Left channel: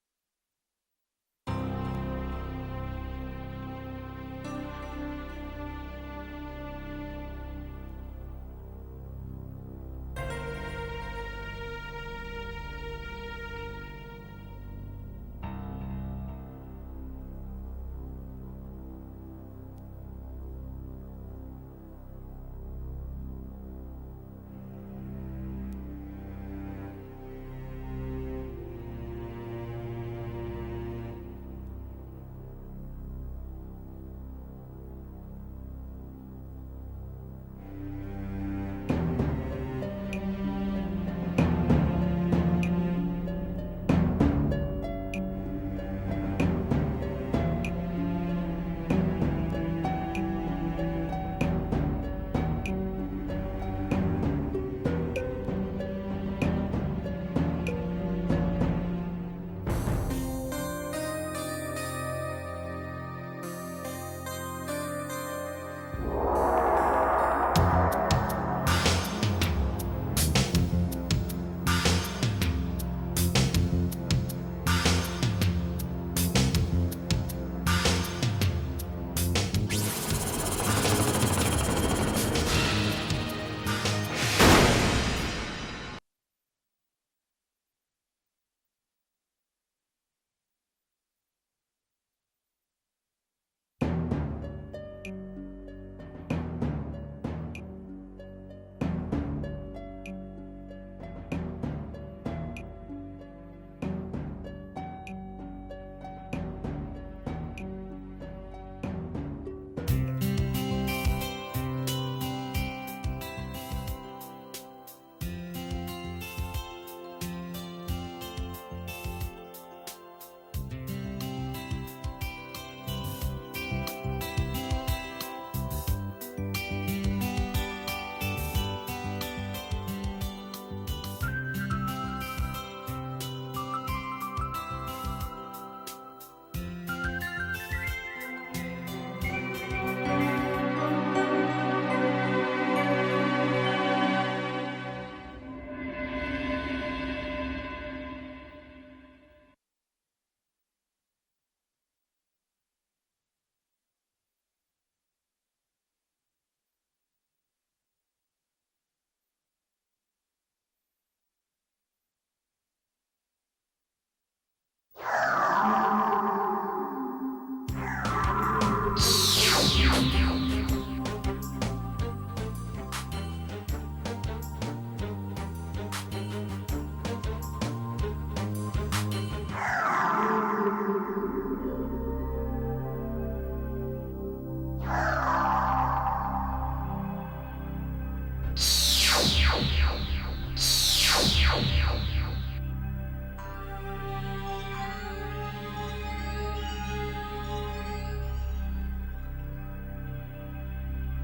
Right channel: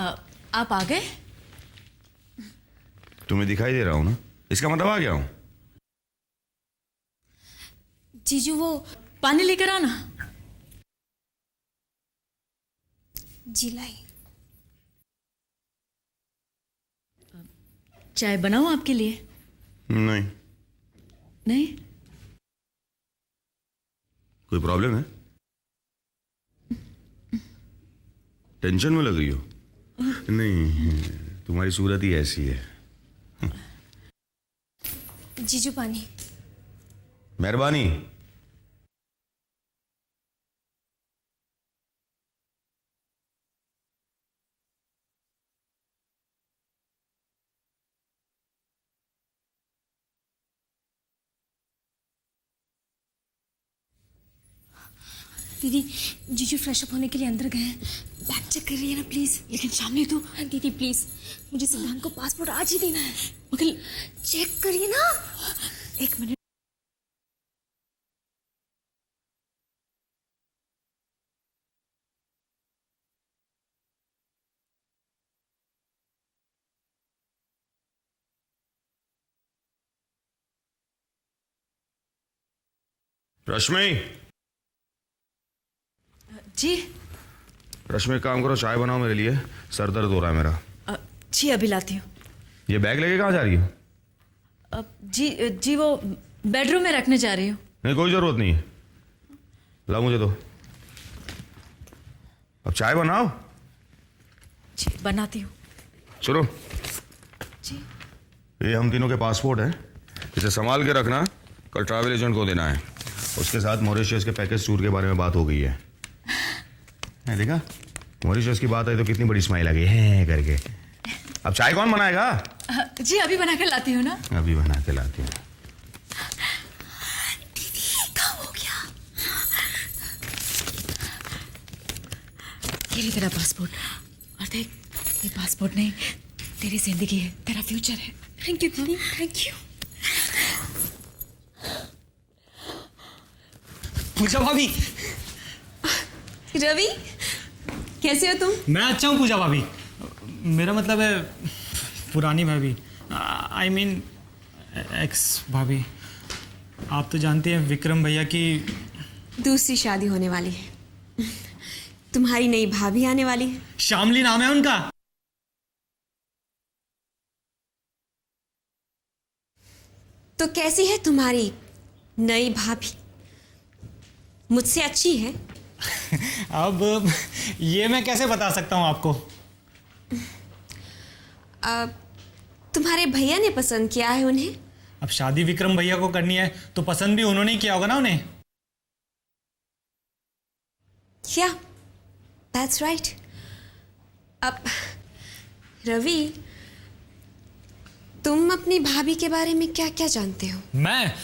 आप आ गए? तुम्हें दिखाई दे रहा हूँ ना, इसका मतलब आ गया हूँ। जीजू वो पानी लेकर आना। जी लाई। चाय बनाऊं आपके लिए? नहीं। नहीं? कोई प्रॉब्लम है? टेंशन में लग रही हो? नहीं, तुम्हारी सूरत ही ऐसी है। जीजू पानी। मेहरबानी। दीदी जीजू फ्रेश अप होने के लिए अंदर गए, बैग चेक कर रही है ना प्लीज। लेकिन शामी तो दीदी प्लीज, मुझे सलाम का पासपोर्ट आज ही देना है। मगर चेक करिए ना। एक मिनट। रश्मि, जी रश्मि एक काम करो, चाय बनाओ मेरे लिए, सर दर्द हो रहा है मेरा। जी अभी लाती हूँ। ये बैग लेके कहाँ जा रही हो? जी वो बेडरूम में रखने जा रही हूँ। नहीं, कोई जरूरत नहीं है, लाओ मुझे दो। अब चाय बनाओ। जी बनाती हूँ। चलो, जी ये हम तीनों के पासपोर्ट हैं, इसे संभाल के रखना, कल ट्रैवल एजेंट को देना है। उसके साथ मॉरिशस के पैकेज टूर के बारे में बात हो गई है। देखा, मॉरिशस की बात आई तो कितनी बड़ी स्माइल आ गई है करके। अब चाय कौन बनाएगा? जी अभी बना के लाती हूँ ना। अभी बना के लाती हूँ। काम हो गया। ये ले तेरा पासपोर्ट। और देख, ये पासपोर्ट नहीं, तेरी जिंदगी है, तेरा फ्यूचर है। थैंक यू दीदी, थैंक यू। पूजा भाभी। रवि, कैसे हो तुम? मैं अच्छा हूँ पूजा भाभी। मेरा मतलब है पुरानी भाभी, आई मीन एक्स भाभी। आप तो जानते हैं विक्रम भैया की दूसरी शादी होने वाली है। तुम्हारी नई भाभी आने वाली है। शामली नाम है उनका। तो कैसी है तुम्हारी नई भाभी? मुझसे अच्छी है? अब ये मैं कैसे बता सकता हूँ आपको? तुम्हारे भैया ने पसंद किया है उन्हें? अब शादी विक्रम भैया को करनी है तो पसंद भी उन्होंने ही किया होगा ना उन्हें। क्या? That's right. अब रवि, तुम अपनी भाभी के बारे में क्या क्या जानते हो? मैं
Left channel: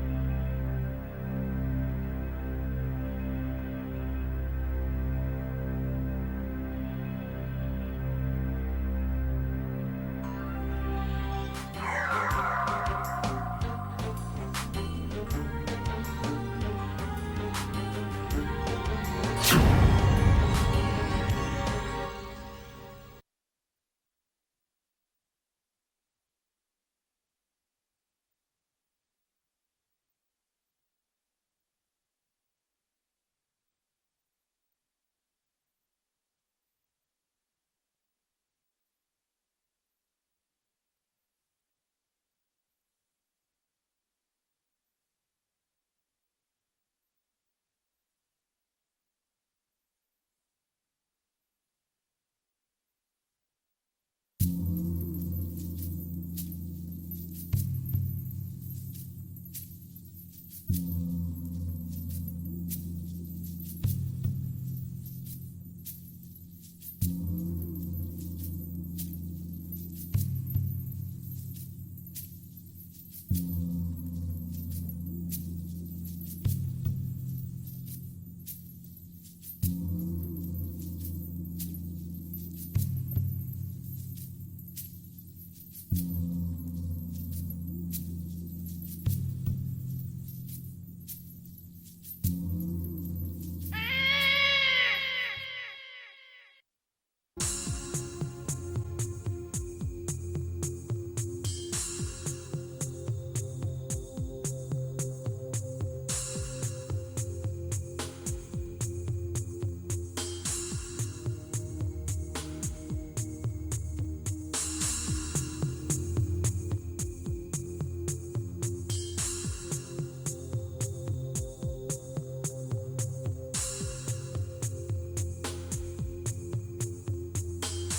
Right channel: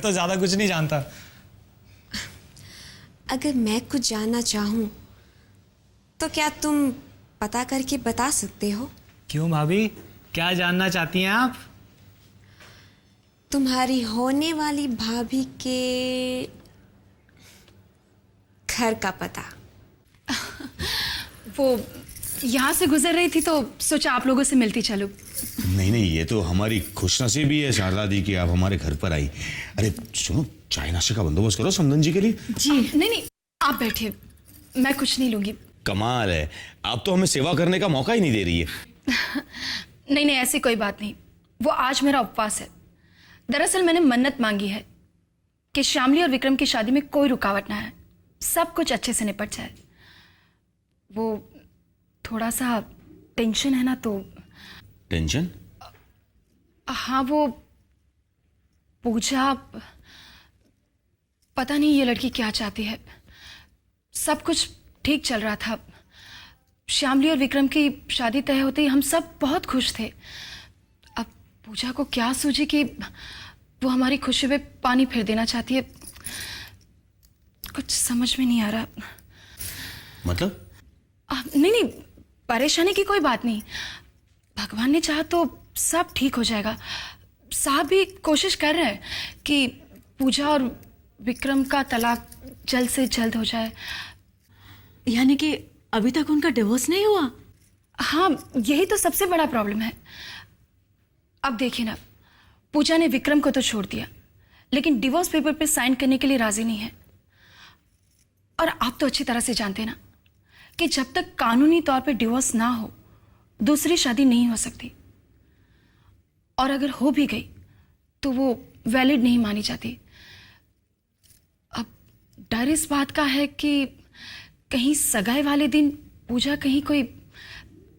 तो ज्यादा कुछ नहीं जानता। अगर मैं कुछ जानना चाहूं तो क्या तुम पता करके बता सकते हो? क्यों भाभी, क्या जानना चाहती हैं आप? तुम्हारी होने वाली भाभी के घर का पता। वो यहाँ से गुजर रही थी तो सोचा आप लोगों से मिलती चलो। नहीं नहीं, ये तो हमारी खुशनसीबी है शारदा दी कि आप हमारे घर पर आई। अरे सुनो, चाय नाश्ते का बंदोबस्त करो समदन जी के लिए। जी नहीं, आप बैठिए, मैं कुछ नहीं लूंगी। कमाल है, आप तो हमें सेवा करने का मौका ही नहीं दे रही है। नहीं, ऐसी कोई बात नहीं। वो आज मेरा उपवास है। दरअसल मैंने मन्नत मांगी है कि श्यामली और विक्रम की शादी में कोई रुकावट ना है, सब कुछ अच्छे से निपट जाए। वो थोड़ा सा टेंशन है ना, तो। टेंशन? हाँ, वो पूजा, पता नहीं ये लड़की क्या चाहती है। सब कुछ ठीक चल रहा था। श्यामली और विक्रम की शादी तय होते ही हम सब बहुत खुश थे। अब पूजा को क्या सूझी कि वो हमारी खुशी में पानी फेर देना चाहती है। कुछ समझ में नहीं आ रहा। मतलब? नहीं, परेशानी की कोई बात नहीं। भगवान ने चाहा तो सब ठीक हो जाएगा। साहब भी कोशिश कर रहे हैं कि पूजा और विक्रम का तलाक जल्द से जल्द हो जाए। यानी कि अभी तक उनका डिवोर्स नहीं हुआ? हाँ, यही तो सबसे बड़ा प्रॉब्लम है। अब देखिए ना, पूजा ने विक्रम को तो छोड़ दिया, लेकिन डिवोर्स पेपर पे साइन करने के लिए राजी नहीं है। और आप तो अच्छी तरह से जानते हैं ना कि जब तक कानूनी तौर पे डिवोर्स ना हो, दूसरी शादी नहीं हो सकती। और अगर हो भी गई तो वो वैलिड नहीं मानी जाती। अब डर इस बात का है कि कहीं सगाई वाले दिन पूजा कहीं कोई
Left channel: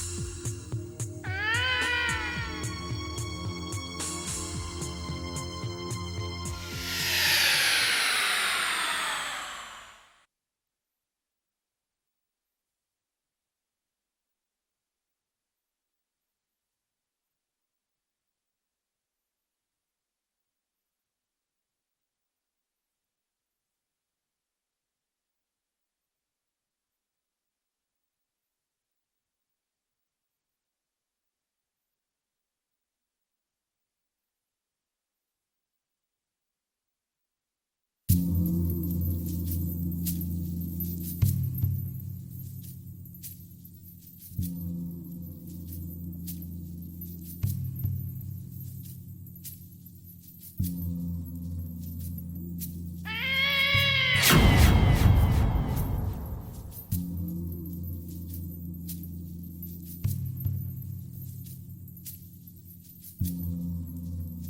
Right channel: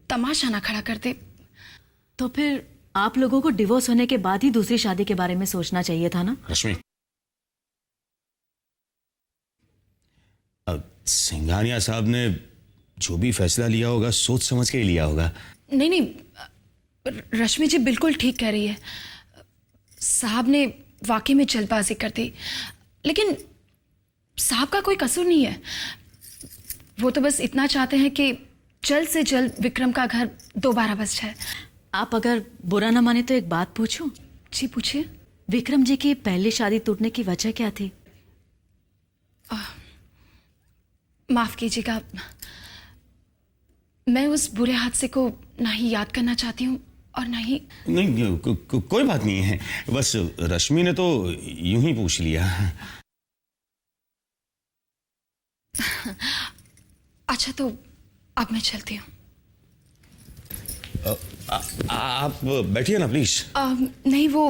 तमाशा ना खड़ा कर दे। तो फिर आप लोगों को डिवोर्स होने के बाद ही दूसरी शादी के बारे में सोचना चाहिए था ना? रश्मि, सिंघानिया साहब ने जो भी फैसला लिया होगा सोच समझ के ही लिया होगा। नहीं नहीं, रश्मि जी बिल्कुल ठीक कह रही है। साहब ने वाकई में जल्दबाजी कर दी, लेकिन साहब का कोई कसूर नहीं है। वो तो बस इतना चाहते हैं कि जल्द से जल्द विक्रम का घर दोबारा बस जाए। आप अगर बुरा ना माने तो एक बात पूछूं? जी पूछिए। विक्रम जी की पहली शादी टूटने की वजह क्या थी? माफ कीजिएगा, मैं उस बुरे हादसे को ना ही याद करना चाहती हूँ और ना ही। नहीं, कोई बात नहीं है, बस रश्मि ने तो यूं ही पूछ लिया। अच्छा, तो अब मैं चलती हूँ। आप बैठिए ना प्लीज। नहीं, वो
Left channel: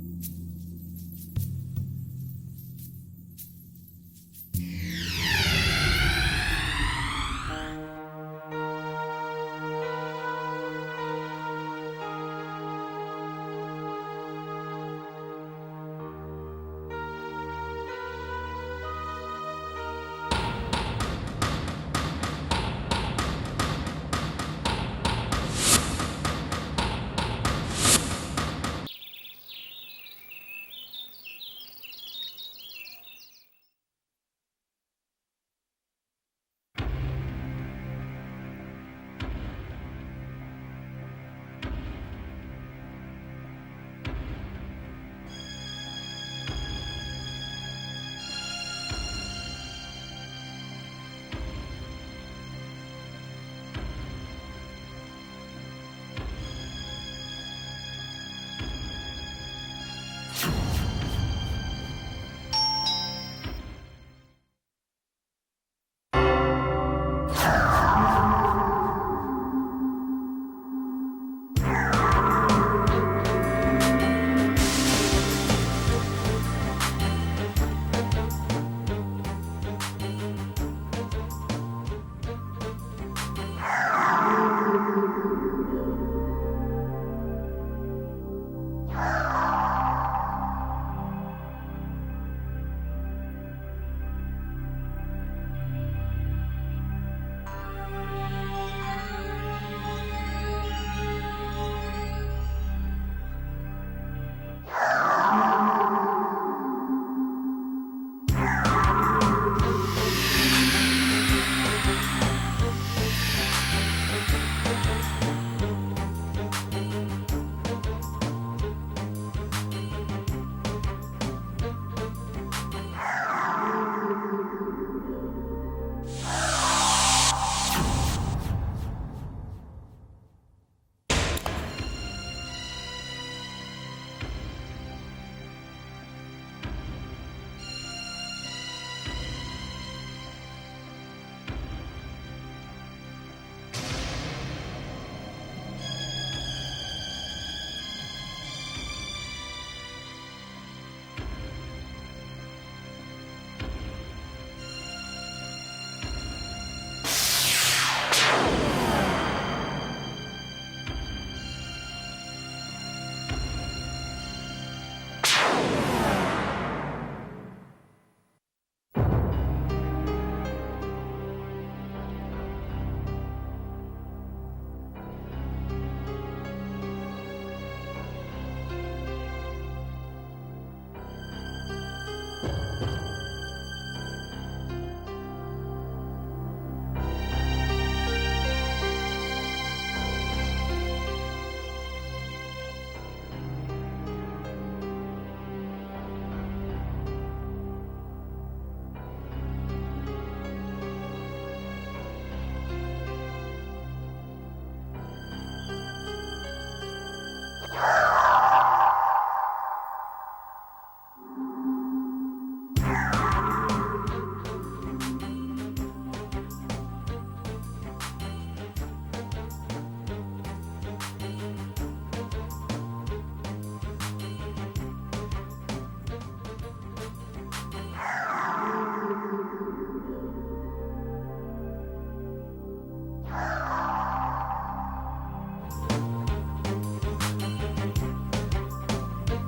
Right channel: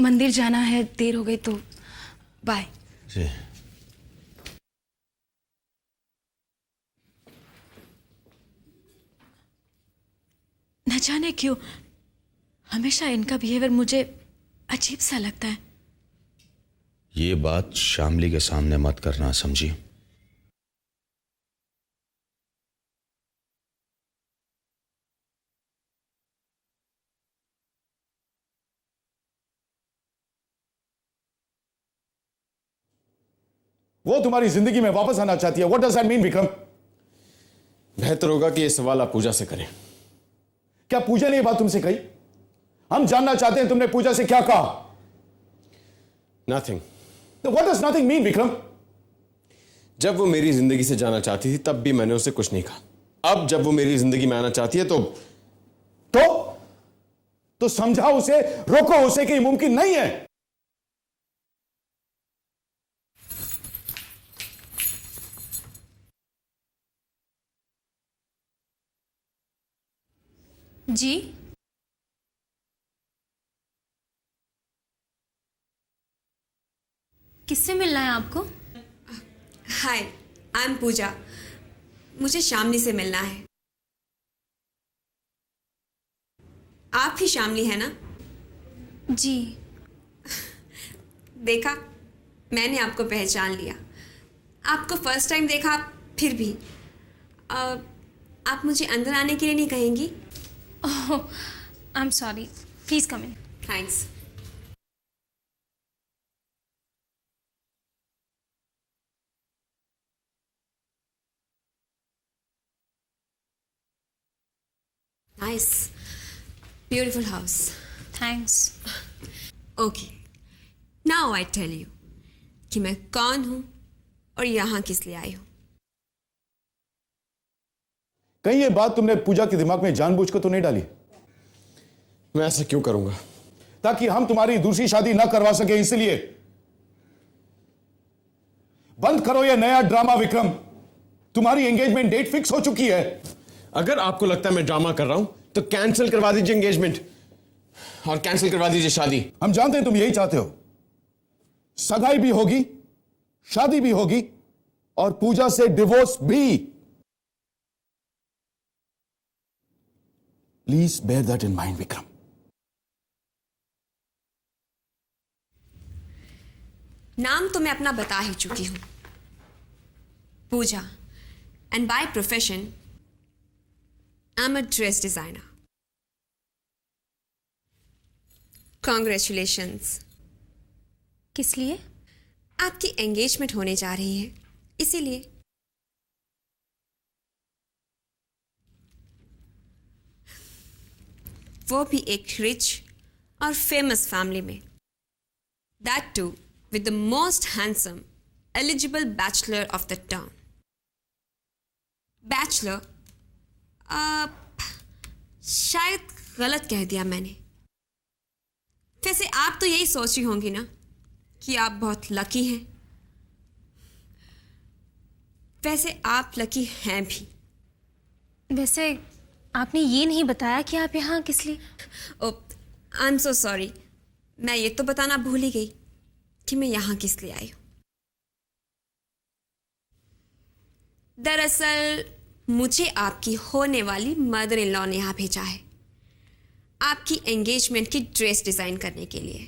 मंदिर जाना है, देर हो गई तो बाय। न जाने क्यों हमेशा इनका बिहेवियर मुझे अजीब सा लगता है। ये बात शामली के सामने मत करना, समझी? वो तुम्हारी जिंदगी में वापस आना चाहती है। What does that mean, Vikram? बेहतर होगा कि ये सवाल आप पूजा से करें। क्या पूजा ने ये बात तुमसे कही? हम जानना चाहते हैं तुमने पूजा से क्या कहा। Nothing. तो what does nothing mean, Vikram? जब वो मेरी जिंदगी से जाना चाहती थी तब भी मैंने उसे कुछ नहीं कहा। अब जब वो मेरी जिंदगी में आना चाहती है तो समझाओ उसे, रोको उसे कि ये मुमकिन नहीं है। जी किससे मिलना है आपको? हाय, आई एम पूजा। मुझे शामली से मिलना है। आप ही शामली है ना? जी। देखा, मैंने आपको पहचान लिया। आपको फर्स्ट टाइम देखा, फिर भी आप मुझे अंदर आने के लिए नहीं कहेंगी? Oh, I'm sorry. Please come in. Thanks. Nice. Beautiful house. Thanks. Okay. Now I tell you कि मैं कौन हूँ और यहाँ किस लिए आई हूँ। कहीं ये बात तुमने पूजा के दिमाग में जानबूझकर तो नहीं डाली? मैं ऐसे क्यों करूंगा? ताकि हम तुम्हारी दूसरी शादी ना करवा सके, इसलिए। बंद करो ये नया ड्रामा विक्रम। तुम्हारी एंगेजमेंट डेट फिक्स हो चुकी है। अगर आपको लगता है मैं ड्रामा कर रहा हूं तो कैंसिल करवा दीजिए एंगेजमेंट और कैंसिल करवा दीजिए शादी। हम जानते हैं तुम यही चाहते हो। सगाई भी होगी, शादी भी होगी और पूजा से डिवोर्स भी। Please bear that in mind Vikram. नाम तो मैं अपना बता ही चुकी हूँ, Pooja, and by profession I am a dress designer. Congratulations. किस लिए? आपकी एंगेजमेंट होने जा रही है, इसीलिए। वो भी एक रिच और फेमस फैमिली में, that too with the most handsome, eligible bachelor of the town. Bachelor, शायद गलत कह दिया मैंने। वैसे आप तो यही सोच रही होंगी ना कि आप बहुत लकी हैं। वैसे आप लकी हैं भी। वैसे आपने ये नहीं बताया कि आप यहाँ किस लिए। ओह, आई एम सो सॉरी। मैं ये तो बताना भूल ही गई कि मैं यहाँ किस लिए आई हूँ। दरअसल मुझे आपकी होने वाली मदर इन लॉ ने यहाँ भेजा है आपकी एंगेजमेंट की ड्रेस डिजाइन करने के लिए।